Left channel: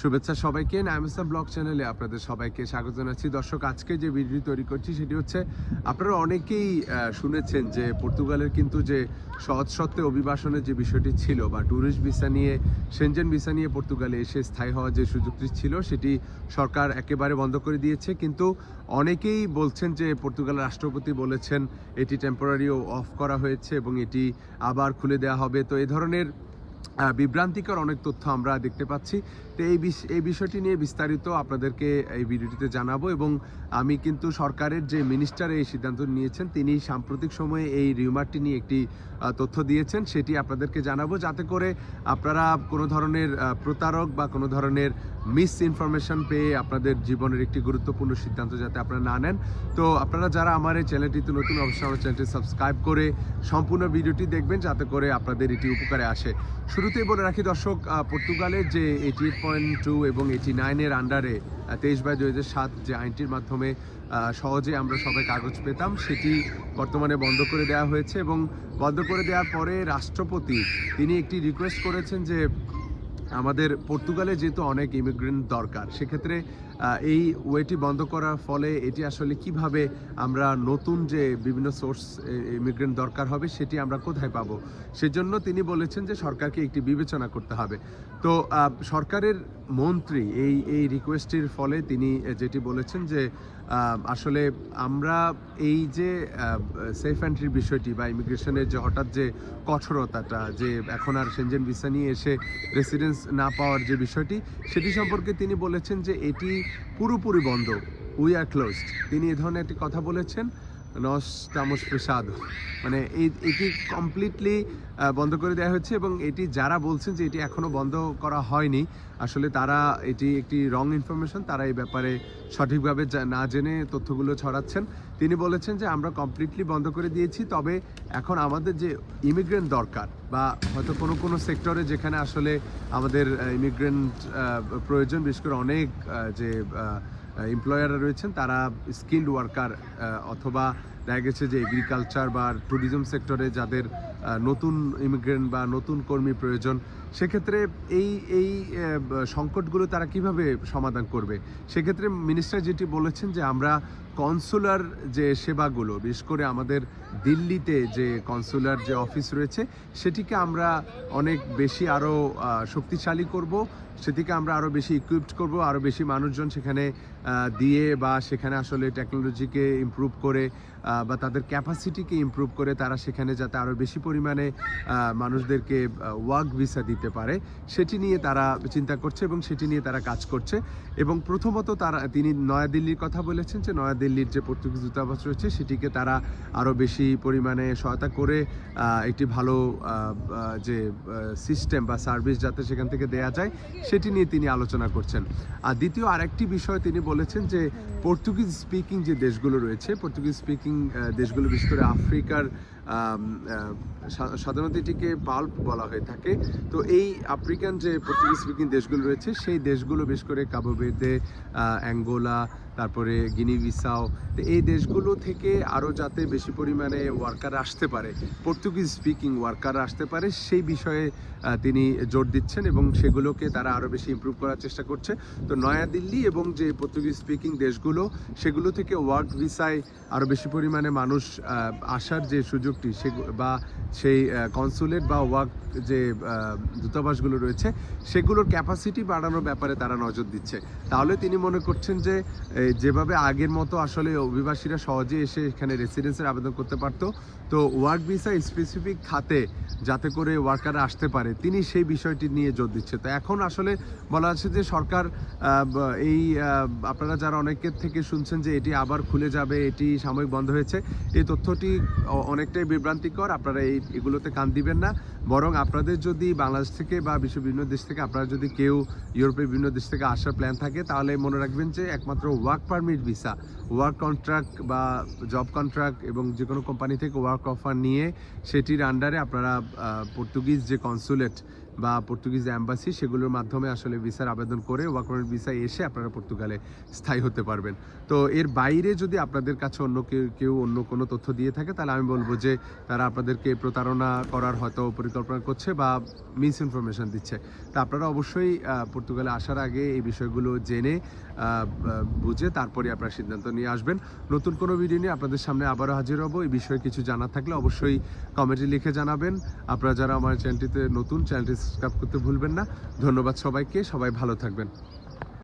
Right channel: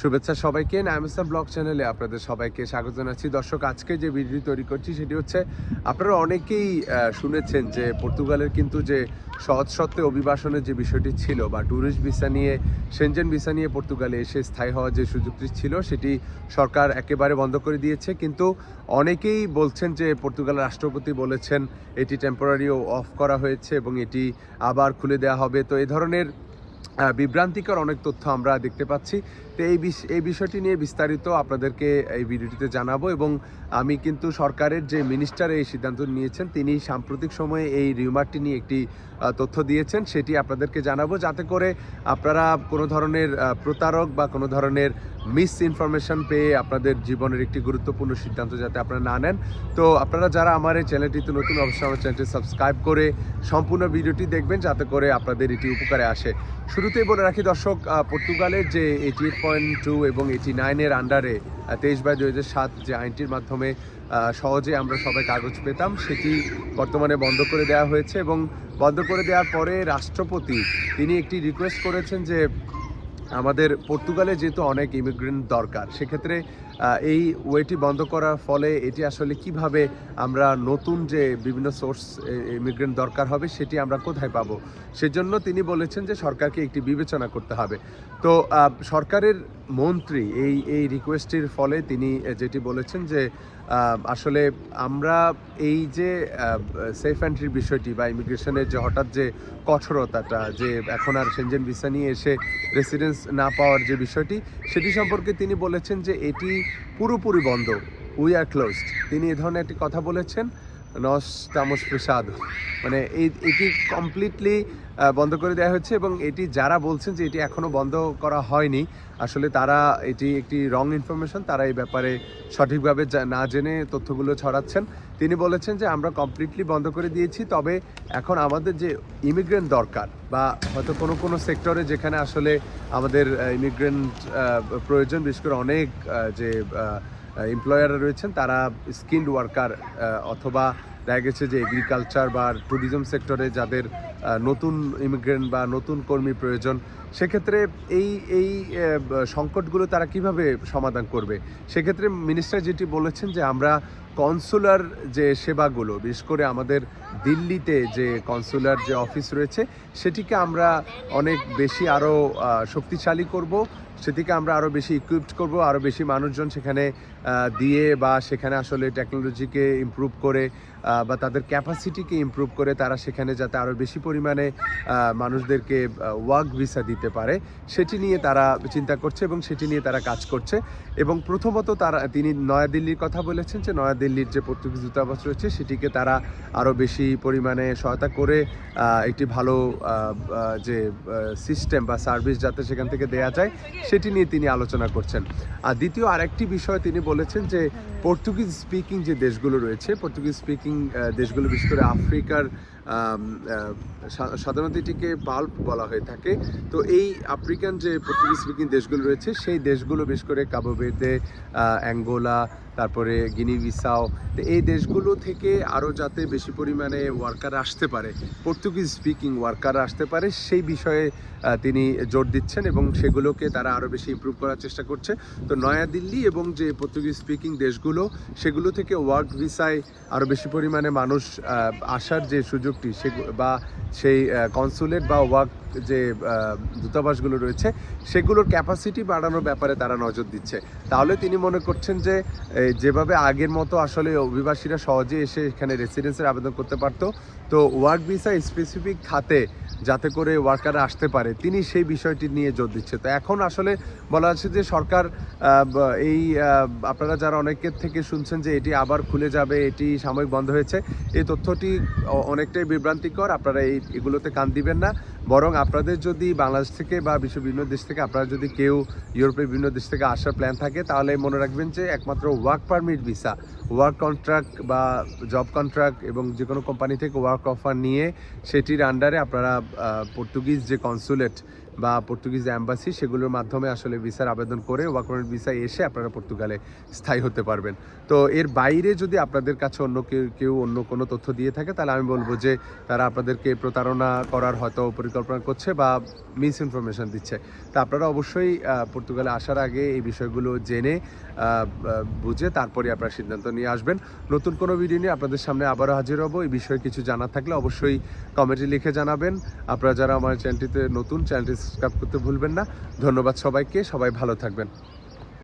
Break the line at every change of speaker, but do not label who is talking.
শুভেচ্ছা সবাইকে। নাইমসা ব্লগ চ্যানেলে আপনাদের সবাইকে স্বাগত জানাচ্ছি। দর্শক, আজকে যে ভিডিও তৈরি করছি সেটি হচ্ছে, আপনারা অনেকেই শুনেছেন যে পর্তুগালের কিন্তু যে সহজ সত্ত্বে অভিবাসনের যে বিষয়টি ছিল বা ট্যুরিস্ট ভিসা নিয়ে সেনজেন ভিসা নিয়ে পর্তুগালে এসে স্থায়ী হওয়ার যে সুযোগটি ছিল, সেটি সরকার একেবারে বন্ধ করে দিয়েছে। কিন্তু অনেকেই বলছেন যে পর্তুগালের রাষ্ট্রপতি বলেছেন, এটি টেম্পোরারিও অফ করা হয়েছে এবং এটি আবার খুলে দেওয়া হবে। তো এই ধরনের বিভ্রান্তিকর অনেক তথ্য আমরা দেখতে পাচ্ছি। তো এই এই বিষয়টি নিয়ে বিস্তারিত আপনাদেরকে এই ভিডিওটিতে জানাব এবং আমি কিন্তু সরকারের যে মিনিস্টার এই সিদ্ধান্ত নিয়েছেন, তিনি সাম্প্রতিক সময়ে এই রিউমারটি নিয়ে একটি তথ্য দিয়েছেন, সেটি আপনাদেরকে জানাব। যাতে করে আপনারা কোনো ধরনের প্রতারক বা কোনো ধরনের মিস ইনফরমেশন পেয়ে আপনাদের জীবনের একটি গুরুত্বপূর্ণ সিদ্ধান্ত যাতে আপনারা না নেন। তো আপনারা যারা আমার এই চ্যানেলটিতে নতুন, অবশ্যই আমার চ্যানেলটি সাবস্ক্রাইব করে সম্পূর্ণ ভিডিওটি দেখবেন, যাতে করে আপনাদের এটি উপকারে আসে। শুরুতেই বলে রাখি দর্শক পর্তুগালের যে এইটি এইট পয়েন্ট টু এবং এইটি নাইনের আন্ডারে তেইশ বাই দুই সাত যে আইনটির মাধ্যমে সহজে আমরা সবাই কাগজ পেতাম, সেটি বর্তমানে বন্ধ করে দেওয়া হয়েছে এবং বন্ধ করে দেওয়ার পরে রাষ্ট্রপতি তিনি একটি রিকোয়েস্ট করেছেন যে আমাদের পর্তুগালে যেহেতু অনেক ইমিগ্রেন্ট দরকার, সেক্ষেত্রে এই ওয়েটি বন্ধ করার ফলে এটি আসলে কীভাবে আমরা নতুন যে বিভিন্ন সোর্স ইমিগ্রেন্ট দরকার হবে সেটি আমরা কোথায় পাবো? সেজন্য তিনি বলেছেন যে সরকারকে একটি বিবেচনা করতে হবে। তো সরকারের মন্ত্রী এই এই রিকোয়েস্টের ফলে তিনি যেটি বলেছেন যে আসলে আমরা এই যে সেফ এন্ট্রির বিষয়টি বা ইমিগ্রেশনের যে হঠাৎ যে কঠোরতাটা, যে এখন আর সেনজেন ভিসা নিয়ে এসে রেসিডেন্স না পাওয়ার যে বিষয়টি, সেটি সম্পর্কে তিনি বলেছেন যে এটি পুরোপুরি বন্ধ। উই আর ক্লোজড তিনি এ ধরনের একটি কথা বলেছেন। নস তামস প্রসাদ। মানে এটি কমপ্লিটলি বন্ধ করে দেওয়া হচ্ছে এবং এটি যারা বলছেন যে এটি এখনও বন্ধ করা হয়নি, আসলে তারা এটি একটি রং ইনফরমেশন তারা এই ব্যাপারে সঠিকভাবে না জেনে তথ্যগুলো ছড়াচ্ছেন। তিনি বলেছেন যে আমরা কমপ্লিটলি বন্ধ করে দিয়েছি, তবে এখন আমাদের যে ইমিগ্রেন্ট দরকার বা হয়তো কোনো কোনো সেক্টরে যেখানে আসলে আমাদের ইমিগ্রেন্ট প্রয়োজন, বিশেষ করে অনেক যে এমপ্লয়াররা রয়েছেন, তারা স্কিল্ড ওয়ার্কার অথবা দেখা গেছে যে এগ্রিকালচার বা ট্যুরিজম সেক্টরে যাদের নতুন ইমিগ্রেন্ট বা নতুন কর্মী প্রয়োজন সেক্ষেত্রে এই এই সংকটগুলো তারা কীভাবে সমাধান করবে? সেক্ষেত্রে মিনিস্টার যেটি বলেছেন যে আমরা কনসুলার যে সেবাগুলো, বিশেষ করে আমাদের দিল্লিতে যে কনসুলার যে অফিস রয়েছে, সেটিকে আমরা অনেক বেশি আরও শক্তিশালী করব। সেটিকে আমরা আরও বেশি ইকুইপড করব আরও বেশি মানুষজন সেখানে দিয়ে বা সেখানে আসলে টেকনোলজিকে ইমপ্রুভ করে বা তাদের ক্যাপাসিটিকে ইমপ্রুভ করে তারা সেখানে যাতে আরও বেশি পরিমাণে মানুষদেরকে ওয়ার্ক ভিসা দিতে পারে। সেটি নিয়ে তারা চিন্তা করছে এবং সেটি নিয়ে তারা কাজ করছে। এবং প্রথমত তারা, তিনি নয়াদিল্লির কথা বলেছেন যে নয়াদিল্লির যে পর্তুগিজ দূতাবাস রয়েছে, সেটিকে তারা আরও বেশি পরিমাণে সহায়তা করে একটি ভালো যে সিস্টেম বা সার্ভিস যাতে সেখান থেকে দেয়া যায়, সেটি নিয়ে তিনি আলোচনা করছেন। আর দ্বিতীয় আরেকটি বিষয় তিনি বলেছেন যে পর্তুগিজ স্পিকিং যে দেশগুলো রয়েছে, পর্তুগিজ স্পিকিং দেশগুলো বিশেষ করে আফ্রিকার সাধারণত এটিকে বাল্ব বলা হয়ে থাকে। তো এই আফ্রিকান যে পর্তুগিজ স্পিকিং দেশগুলো রয়েছে, সেই দেশগুলো বেশ করে কাবোবেদে অ্যাঙ্গোলা তারপরে গিনি বিসাও তো এই দেশগুলো থেকে আরও যাতে বেশি পরিমাণে ওয়ার্কার আসতে পারে পর্তুগিজ স্পিকিং ওয়ার্কার আসতে পারে, সেই বিষয়ে তিনি জোর দিচ্ছেন এবং সেগুলোকে তারা আরও বেশি ইমপ্রুভ করার চেষ্টা করছে। তো নয়াদিল্লি এবং যে পর্তুগিজ স্পিকিং দেশগুলো, সেগুলো থেকে ওয়ার্ক ভিসায় আরও বেশি পরিমাণে মানুষ আসার যে সুযোগটি সে বা সেই কনসুলেট বা ওয়ার্ক যে দূতাবাসগুলো রয়েছে, সেগুলোর ক্যাপাসিটি বাড়ানোর ব্যাপারে তারা নজর দিচ্ছে। তাহলে তিনি মনে করছেন যে যেভাবে আগের মতো আসলে অভিবাসীরা সহজে এসে এখানে রেসিডেন্সের আবেদন করতে পারতো, তো ওয়ার্ক ভিসা স্পেসিফিক খাতে যাতে করে ওয়ার্কাররা আসতে পারে, তিনি সেই বিষয়টি নিয়ে জোর দিচ্ছে। তো এখন আসলে বলা হচ্ছে যে, সরকার এই আপনারা যারা অনেকের থেকে শুনছেন যে, এটি আবার খুলে যাবে, এটি সাময়িক বন্ধ হয়েছে, এই তথ্যটি অনেকটাই বিভ্রান্তিকর আপনারা এই এগুলোতে কান দিবেন না। বরং আপনাদের যদি বাংলাদেশ থেকে বা বিশ্ব বিভিন্ন দেশ থেকে, আপনারা যদি কেউ ইউরোপের বিভিন্ন দেশ থেকে আসার প্ল্যান থাকে, তাহলে মনে রাখবেন যে একমাত্র work permit visa work contract বা জব কন্ট্রাক্ট এবং যে কোনো কোম্পানি থেকে ওয়ার্ক অফার নিয়ে সেটির আন্ডারে আপনারা পর্তুগিজ যে কনসুলেট বা পর্তুগিজ অ্যাম্বাসি সেগুলোর মাধ্যমে আসলে ভিসার আবেদন করে ওয়ার্ক পারমিট ভিসায় এসে আপনারা পর্তুগালে স্থায়ী হতে পারবেন। তো এর বাইরে যদি আপনাদের কাছে অন্য কেউ কেউ অন্য কোনো তথ্য দিয়ে থাকে, তাহলে আমি বলব যে তারা আপনাদেরকে প্রতারণা করার হয়তো পরিকল্পনা করছে বা মিস ইনফরমেশান দিচ্ছে। তা আপনারা অবশ্যই পর্তুগালে আসার আগে এই বিষয়গুলো জেনে বুঝে তারপরে আপনারা সিদ্ধান্ত নিয়ে আসবেন। নতুন কোনো ভিডিও নিয়ে আপনাদের সামনে আবারও হাজির হব। এই বিষয়ে কিছু জানা থাকলে অবশ্যই কমেন্টে লিখে জানাবেন। আপনারা যারা আমার চ্যানেলটিতে নতুন চ্যানেলটি সাবস্ক্রাইব করতে ভুলবেন না। ধন্যবাদ সবাইকে। সবাই ভালো থাকবেন।